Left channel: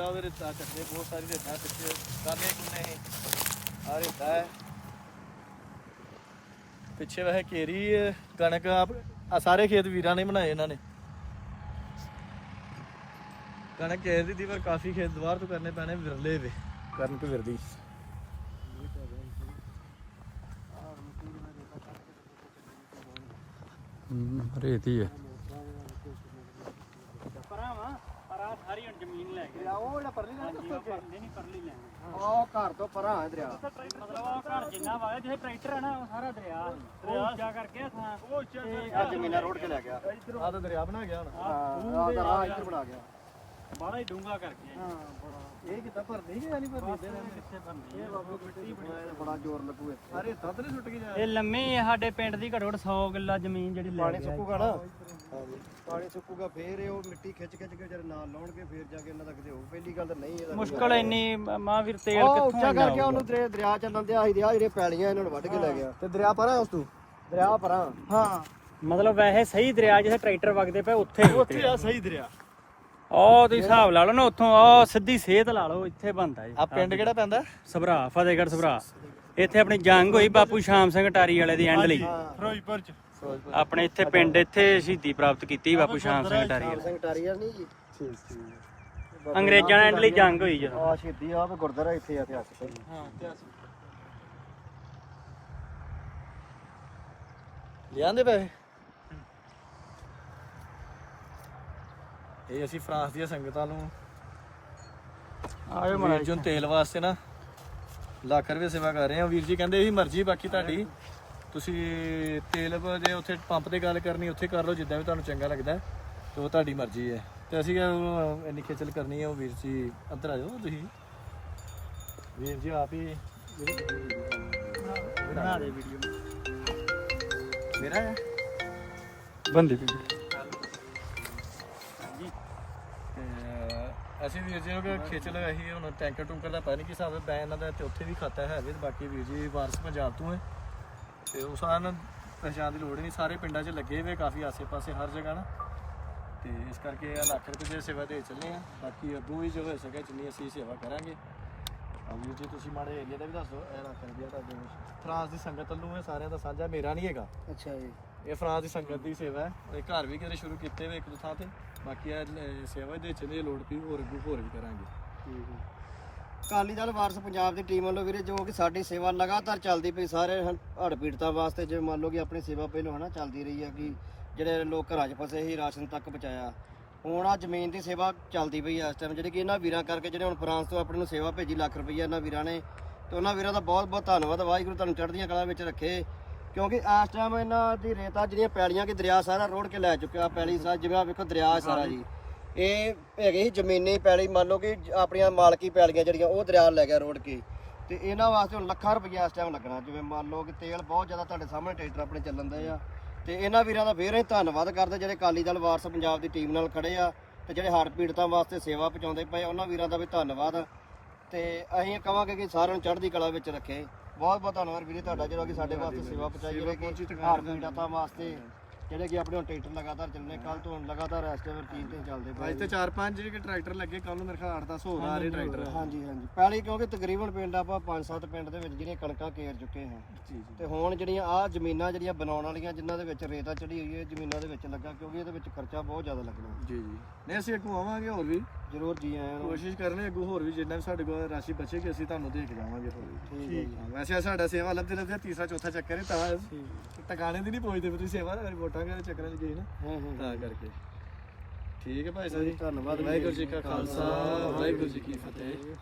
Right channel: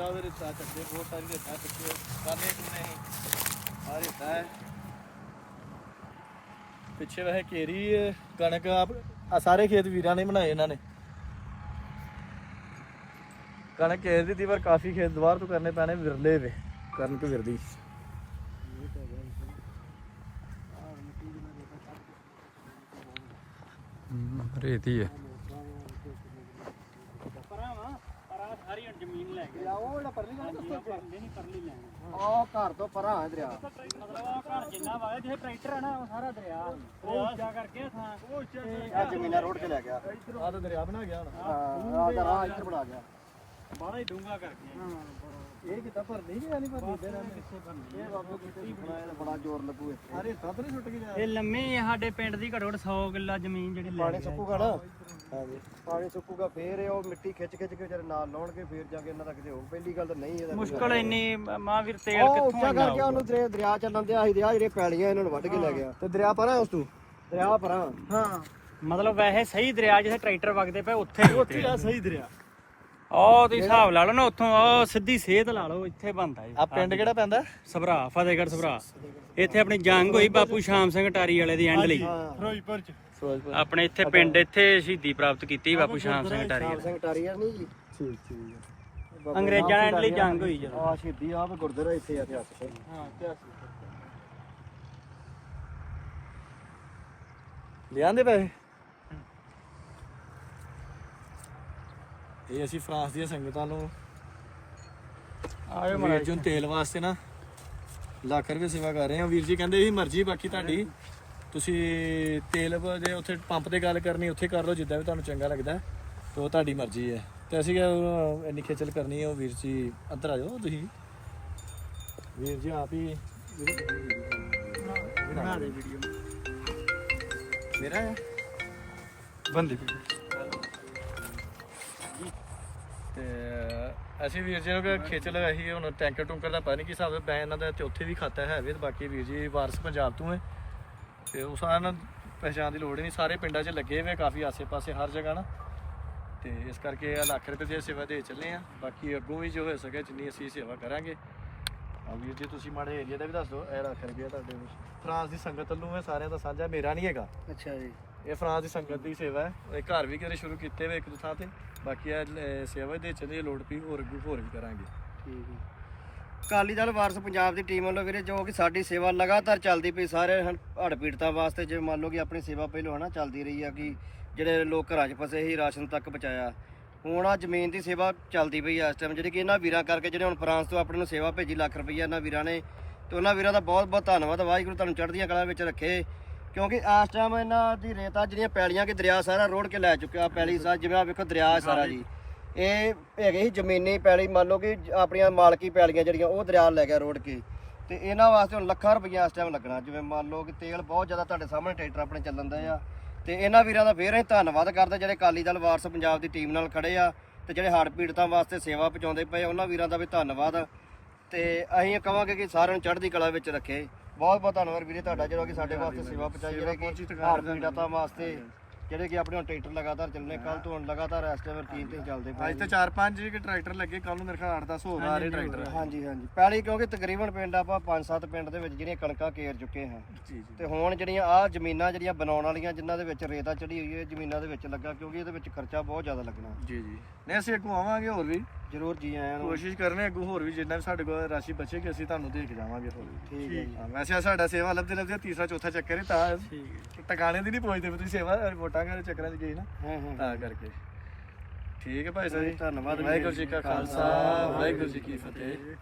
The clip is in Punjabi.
ਰੇਤਾ ਉਹਦੇ ਰੇਤਾ ਚੱਕਦੇ ਬਹੁਤ ਸਾਰੀ ਰੇਤਾ ਪਿੱਛੇ ਕਾਨੇ ਕੁਨੇ ਆ ਰੇਤਾ ਹੈ। ਪਿੱਛੇ ਵੈਸੇ ਕੇਰੀ ਹੈ, ਕਣਕ ਆ ਸਾਰੇ ਖੇਤ ਵੀਰਾਂ ਨੇ ਬਣਾਏ ਇਹਨਾਂ ਨੇ। ਕਣਕ ਕੇਰ ਦੀ ਪਰ ਕਾਫੀ ਖੇਤ ਦੁਬਾਰ ਤੋਂ ਕਰਨੇ ਪੈਣੇ ਵਿਰਲੇ ਵੇ ਕਰਨ ਤੇ ਵਿਰਦੀ ਰੇਤੀ ਹੈ ਪਰਾਂ ਵਾ ਪਰਾਂ ਸਾਰੀ ਹੁਣ ਜ਼ਮੀਨ ਲੈ ਗਏ। ਉਹ ਜਿਹੜਾ ਪਰਲੀ ਹਾਂਜੀ ਉਹ ਪਰਲੇ ਨਹੀਂ ਪਰਲੀ ਲੈਣੀ। ਉਹ ਘਰ ਤੋਂ ਪਰਾਂ ਹੈ ਦਰਿਆ। ਮਤਲਬ ਆ ਘਰ ਜਿੰਨਾ ਵਾ ਜਿੱਥੇ ਟਰੈਕਟਰ ਹੈ ਨਾ ਉਹ ਸਾਰਾ ਦਰਿਆ। ਉਹ ਉੱਚਾ ਕਰਕੇ ਥਾਂ। ਤੇ ਆ ਜ਼ਮੀਨਾਂ ਰੋਡ 'ਚ ਲੈ ਗਿਆ। ਆ ਤਾਂ ਦਰਿਆ ਬਣਾ ਗਿਆ ਹੁਣ। ਹਾਂ ਆ ਰਾਹ ਇੱਧਰ ਬਣਾ ਗਿਆ। ਬਾਹਲਾ ਹੀ ਡੂੰਗਾ ਕਰਕੇ ਇਹ ਕਿੱਦਾਂ ਭਰਦੇ ਕਿ ਨਹੀਂ ਭਰਦੇ? ਕਿੱਥੇ ਬਣਨੀ ਇਹ ਬਾਬੂ ਮਿੱਟੀ ਬਣਾਇਆ ਬੜਾ ਜ਼ੋਰ ਲੱਗੂ ਇਹ ਤਦ ਨਹੀਂ ਛੁੱਟ ਕੇ ਜਾ ਇਹ ਲੰਮੀ ਹੈ ਸਾਡੇ ਪਿੰਡ ਦੀ ਘੱਟੋ ਘੱਟ 100 ਕਿੱਲਾ ਜ਼ਮੀਨ ਜਿਹੜੀ ਪਾਣੀ। ਸੁੱਕੂਗਾ ਨਾ? ਪਾਣੀ ਸੁੱਕੂਗਾ ਫੇਰ ਇਹ ਉਹ ਮਿੱਟੀ ਖਿੱਚ ਖਿੱਚ ਕੇ ਜਿਹੜੇ ਨਾਲ ਲਾਉਣਗੇ ਫੇਰ ਜਾ ਕੇ ਇਹਨਾਂ ਦਾ ਕਿਤੇ ਹੋਰ ਪਹਿਲੀ ਗੱਲ ਤਾਂ ਨਹੀਂ ਇਹਦਾ ਮੁਸ਼ਕਲ ਇੰਨੀ ਮਹਾਂਵੀਰ ਤੇਲ ਉਹ ਕਿੱਥੋਂ ਉੱਚਾ ਕਰਕੇ ਉਹਨੂੰ ਦਰਿਆ ਦਰਿਆ ਚੱਲਣ ਦਿਆ ਸੀ ਦਰਿਆ ਜਿਹੜੇ ਪੈਲੀਆਂ ਇਹਨਾਂ ਨੂੰ ਵੱਢ ਕੇ ਲੈ ਗਿਆ। ਤੇ ਦਰਿਆ ਪਰਾਂ ਉਸ ਤੋਂ? ਦਰਿਆ ਪਰਾਂ। ਹਾਂ। ਮਤਲਬ ਵੈਸੇ ਸਹੀ ਦਰਿਆ ਜਿੱਥੇ ਟਰੈਕਟਰ ਵਗਦੇ ਪਏ ਉੱਥੇ ਉੱਥੇ ਆ ਸਹੀ ਦਰਿਆ। ਉਹ ਤੁਸੀਂ ਹਿਸਾਬ ਲਾ ਲਓ ਨਾ ਉੱਥੋਂ ਉਹ ਸਿੱਧੀ ਸੇਧ ਲਾ ਲਓ ਇੱਥੇ ਬੰਦਾ ਜੀ ਆ ਪਿੰਡ ਕਿਹੜਾ ਪੈਂਦਾ? ਸਭਰਾ ਫਤਿਹਗੜ੍ਹ ਸਭਰਾ। ਇੱਥੇ ਆਪਣੀ ਜੰਗ ਹੋਈ ਬਾਪੂ ਸ਼ਾਮ ਸਿੰਘ ਟਾਰੀ ਵਾਲੇ ਦੀ ਐਂਡ ਲਈ। ਫਿਰੋਜ਼ਪੁਰ ਚ। ਆਪਣੇ ਇੱਥੇ ਪਿੰਡ ਇੱਥੇ ਸ਼ਹੀਦੀ ਪ੍ਰਾਪਤ ਕੀਤੀ ਬਾਪੂ ਸ਼ਾਮ ਸਿੰਘ ਟਾਰੀ ਵਾਲੇ। ਅੰਗਰੇਜ਼ਾਂ ਨਾਲ ਐਂਡ ਲਈ ਜੰਗ ਹੋਈ ਜਦੋਂ। ਆ ਸ਼ਹੀਦੀ ਆ ਵੀ ਗੁਰਦੁਆਰਾ ਇੱਥੇ ਆ ਇਤਿਹਾਸ ਹਾਂ ਇਤਿਹਾਸ ਲਿਆਂਦੇ ਪੈਸੇ? ਇਹ ਅਸੀਂ ਫਰਾਂਸ ਦੀਆਂ ਸੰਗਤਾਂ ਨੂੰ ਵੀਰ ਜੀ ਨੂੰ ਤੇਲ ਵਾਸਤੇ ਨਾ ਲੱਖ ਰੁਪਏ ਸੇਵਾ ਕਰ ਰਹੇ ਹਾਂ। ਵੀਰ ਜੀ ਕਹਿੰਦੇ ਇਹ ਮਰਜ਼ੀ ਬਾਕੀ ਤੁਹਾਡੀ। ਤੁਸੀਂ ਤੇਲ ਜੇ ਉੱਥੇ ਪੰਪ ਤੇ ਗੱਲ ਕਰਨੀ ਉੱਥੇ ਕਰ ਲਓ ਜਿੱਦਾਂ ਵੀ ਤੁਹਾਨੂੰ ਚੰਗਾ ਲੱਗਦਾ ਤੇ ਉਹ ਤੁਹਾਡੀ ਮਰਜ਼ੀ ਹੈ। ਤੇ ਅਸੀਂ ਇੰਨੀ ਖੇਚਲ ਕਰਨੀ ਹੈ ਉਹ ਵੀਰ ਜੀ ਅੰਦਰ ਆ ਜਾਓ ਤੁਸੀਂ। ਵੀਰ ਜੀ ਆਪ ਹੀ ਮੇਰਾ ਬੰਦੀ ਵੀ। ਤੇ ਅਸੀਂ ਵੀਰ ਜੀ ਨੂੰ ਕਿ ਖੇਚਲ ਅਸੀਂ ਹੁਣ ਟੈਂਕਰ ਟੁੰਕਰ ਦਾ ਪਤਾ ਨਹੀਂ ਕੀ ਹਿਸਾਬ ਹੈ ਬੈਨ ਇਹਨਾਂ ਦਾ ਤੇ ਉੱਥੇ ਵੀ ਖਾਤਾ ਹੈ ਵੀ ਤੇ ਬਾਕੀ ਵੀਰ ਜੀ ਵਾਰਸ ਪੰਜਾਬ ਤੋਂ ਹੈ। ਤੇ ਉਹ ਸਾਰਿਆਂ ਨੂੰ ਪਹਿਚਾਣ ਦੀ ਲੋੜ ਹੀ ਨਹੀਂ, ਸਾਰੇ ਪਿੰਡਾਂ 'ਚ ਲੱਗੇ ਹੋਏ ਕਾਫੀ ਆਸੇ-ਪਾਸੇ ਹਰ ਜਗ੍ਹਾ ਨਾ। ਤੇ ਇਸ ਕਰਕੇ ਆ ਲੱਖ ਰੁਪਏ ਦੀ ਸੇਵਾ ਦੇ ਚੱਲੇ ਆ। ਬਾਕੀ ਅੱਗੋਂ ਵੀ ਜੋ ਹੋ ਸਕੇ ਜਿੰਨੀ ਅਸੀਂ ਸੇਵਾ ਕਰਾਂਗੇ। ਆ ਵੀਰ ਜੀ, ਤੁਸੀਂ ਮਾੜੇ ਏਰੀਆ ਦਾ ਵੀ ਦੱਸ ਦਿਓ, ਇਹ ਲੱਖ ਰੁਪਏ ਤੁਹਾਡੇ ਫਰਾਂਸ ਦੀ ਸੰਗਤ ਨੂੰ ਇਹ ਸਾਰਿਆਂ ਦਾ ਸਾਂਝਾ, ਮੇਰਾ ਨਹੀਂ ਹੈਗਾ। ਅੱਛਾ ਜੀ। ਇਹ ਫਰਾਂਸ ਦੀ ਸੰਗਤ ਦੀ ਸੇਵਾ ਹੈ। ਇਹ ਘਰ ਵੀ ਕਿਤੇ ਸ਼ੁਰੂ ਕੀਤੇ ਵੇ ਇੱਕ ਦੋ ਥਾਂ ਤੇ। ਬਾਕੀ ਇਹ ਲ- ਸੇਵਾ ਦੇ ਚੱਲੇ ਲੋੜ ਪਈ ਹੋਰ ਅੱਗੋਂ ਹੋਰ ਵੀ ਕਰਾਂਗੇ। ਅਕਾਲੀ ਦਲ ਵਾਰਸ ਪੰਜਾਬ ਦੀ ਟੀਮ ਵੱਲੋਂ ਵੀਰੇ ਜੋ ਕਿ ਸਾਡੀ ਸੇਵਾ ਲਗਾਤਾਰ ਚੱਲਦੀ ਪਈ ਸਾਰੇ ਹੜ੍ਹ ਪੀੜਤਾਂ ਵਾਸਤੇ ਜੇ ਮੰਨ ਲਓ ਕਿ ਆਪਣੀ ਸੇਵਾ ਪਹਿਲੋਂ ਹਨਾ ਚੱਲਦੀ ਰਹੀ ਆ ਕਿ ਜਿਹੜੇ ਲੋਕ ਘਰਾਂ 'ਚ ਫਸੇ ਸੀ ਰਾਸ਼ਨ ਤੱਕ ਪਹੁੰਚਾਇਆ। ਹੁਣ ਆ ਜ਼ਮੀਨ ਦੀ ਸੇਵਾ ਚੱਲਦੀ ਪਈ ਆ ਇਸ ਟਾਈਮ ਜਿਹੜੀ ਕਿ ਇਹਨਾਂ ਵੀਰਾਂ ਕਰਕੇ ਜਿਹੜੇ ਹੁਣ ਫਰਾਂਸ ਤੋਂ ਆਪਣੇ ਨੂੰ ਸੇਵਾ ਭੇਜੀ ਲੱਖ ਰੁਪਈਆ ਇਹਨਾਂ ਵੀਰਾਂ ਨੇ। ਤੇ ਉਹਨਾਂ ਵੀਰਾਂ ਦਾ ਬਹੁਤ ਬਹੁਤ ਧੰਨਵਾਦ ਵਾਹਿਗੁਰੂ ਤੁਹਾਨੂੰ ਚੜ੍ਹਦੀਆਂ ਕਲਾ ਵਿੱਚ ਰੱਖੇ। ਕਿਉਂਕਿ ਇਸ ਟਾਈਮ ਇਹਨਾਂ ਦੀ ਰੇਤਾ ਜਿਹੜੀਆਂ ਪੈਲੀਆਂ ਕਿ ਦਰਿਆ ਸਾਰਾ ਰੋੜ ਕੇ ਲੈ ਚੁੱਕਿਆ ਪੈਲੀ ਸਾ ਜਿਵੇਂ ਆ ਵੇਖੋ ਦਰਿਆ ਸਾਰਾ ਜੀ। ਇਹ ਹੈਗੇ ਸੀ ਜ਼ਮੀਨੀ ਪੈਲੀ ਮੰਨ ਲਓ ਕਿ ਆਪਣੀਆਂ ਮਾਲਕੀ ਪੈਲੀਆਂ ਜਿਹੜੀਆਂ ਉਹ ਦਰਿਆ ਲੈ ਗਿਆ ਰੋੜ ਕੇ। ਤੇ ਇਹਨਾਂ ਵਾਸਤੇ ਹੁਣ ਲੱਖਾਂ ਰੁਪਈਆ ਇਸ ਟਾਈਮ ਲੱਗਣਾ ਜਿਵੇਂ ਮੰਨ ਲਓ ਕਿ ਤੇਲ ਬਹੁਤ ਜ਼ਿਆਦਾ ਤੁਹਾਡੇ ਸਾਹਮਣੇ ਟਰੈਕਟਰ ਆਪਣੇ ਚੱਲਣ ਦੇ ਆ। ਤੇ ਇਹਨਾਂ ਵੀਰਾਂ ਦਾ ਫੇਰ ਅਸੀਂ ਧੰਨਵਾਦ ਕਰਦੇ ਜਿਹੜੇ ਅਕਾਲੀ ਦਲ ਵਾਰਸ ਪੰਜਾਬ ਦੀ ਟੀਮ ਨਾਲ ਖੜੇ ਆ ਤੇ ਜਿਹੜੇ ਹੜ੍ਹ ਪੀੜਤਾਂ ਵਾਸਤੇ ਸੇਵਾ ਪਹੁੰਚਾਉਂਦੇ ਪਏ ਉਹਨਾਂ ਵੀਰਾਂ ਦਾ ਵੀ ਧੰਨਵਾਦ। ਤੇ ਅਸੀਂ ਇਹ ਕਹਾਂਗੇ ਕਿ ਸਾਰਿਆਂ ਨੂੰ ਚੜ੍ਹਦੀ ਕਲਾ ਵਿੱਚ ਰੱਖੇ। ਬਹੁਤ ਬਹੁਤ ਧੰਨਵਾਦ ਵੀਰੇ ਤੁਹਾਡਾ ਜਿਹੜਾ ਕਿ ਸਾਡੇ ਵਾਸਤੇ ਸੇਵਾ ਪਹੁੰਚਾਈ ਜਿਹੜੇ ਕਿ ਹੜ੍ਹ ਪੀੜਤਾਂ ਵਾਸਤੇ ਜਿਹੜੇ ਕਿ ਆਪਣੇ ਹੁਣ ਟਰੈਕਟਰ ਲਗਾਤਾਰ ਚੱਲਣੇ ਕੱਲ ਤੋਂ ਹੁਣ ਲਗਾਤਾਰ ਇਸ ਟਾਈਮ ਰੂਟੀਨ ਤੇ ਚੱਲਦੇ ਪਏ ਅੱਜ ਤੇ 4-5 ਜਿਹੜੇ ਟਰੈਕਟਰ ਲੱਗੇ ਕੱਲ ਨੂੰ ਮੇਰੇ ਖਿਆਲ 8-10 ਹੋਰ ਆ ਰਹੇ ਟਰੈਕਟਰ। ਹਾਂਜੀ ਹਾਂਜੀ। ਪਹਿਲੀ ਕਿਉਂਕਿ ਤਕਰੀਬਨ ਪਿੰਡ ਆਪਾਂ 5-7 ਪਿੰਡ ਦੇ ਵਿੱਚ ਜਿਹੜੀਆਂ ਕਣਕਾਂ ਕੇਰ ਚੁੱਕੇ ਹਾਂ। ਜੀ ਜੀ। ਤੇ ਹੁਣ ਜਿਹੜੀਆਂ ਆ ਜ਼ਮੀਨਾਂ ਜਿਹੜੀਆਂ ਬਣਾਉਣ ਵਾਲੀਆਂ ਜਿਨ੍ਹਾਂ ਦੇ ਵਿੱਚ ਰੇਤਾ ਚੜੀ ਹੋਈ ਹੈ ਜ਼ਮੀਨਾਂ ਦੇ ਵਿੱਚ ਲੱਗਾ ਕਿਉਂਕਿ ਇਹਦੇ ਵਿੱਚ ਖਰਚਾ ਬਹੁਤ ਜ਼ਿਆਦਾ ਲੱਗਣਾ। ਜੀ ਜੀ। ਨਹੀਂ ਅਸੀਂ ਅੱਗੋਂ ਆਵਾਂਗੇ ਹੋਰ ਵੀ। ਜ਼ਰੂਰ ਜੀ ਆਇਆਂ ਨੂੰ। ਕੋਸ਼ਿਸ਼ ਕਰਨੇ ਅੱਗੋਂ ਹੋਰ ਵੀ ਜਿੰਨਾ ਵੀ ਸਾਡੇ ਕੋਲ ਰਾਸ਼ੀ ਬਚੇਗੀ ਅਸੀਂ ਤੁਹਾਨੂੰ ਦੇ ਕੇ ਜਾਵਾਂਗੇ ਹੋਰ ਵੀ। ਠੀਕ ਹੈ ਹਾਂ, ਵੈਸੇ ਸਾਡਾ ਸੇਵਾ ਲੱਭਦੇ ਲੱਭਦੇ ਤੀਸਰਾ ਚੌਥਾ ਚੱਕਰ ਹੈ ਤਾਂ ਟਿਕਾਣੇ ਦੀ ਨਹੀਂ ਪਹੁੰਚਦੇ ਤੁਸੀਂ ਸੇਵਾ ਵੋਟਾਂ ਦੇ ਚੱਕਰਾਂ 'ਚ ਗਏ ਨਾ ਹਾਂ ਹਾਂ ਤਾਂ ਕਰਕੇ। ਠੀਕ ਹੈ ਭਾਈ ਸਾਹਿਬ ਜੀ। ਧੰਨਵਾਦ ਵਾਹਿਗੁਰੂ ਜੀ ਕਾ ਖਾਲਸਾ ਵਾਹਿਗੁਰੂ ਜੀ ਕੀ ਫਤਿਹ।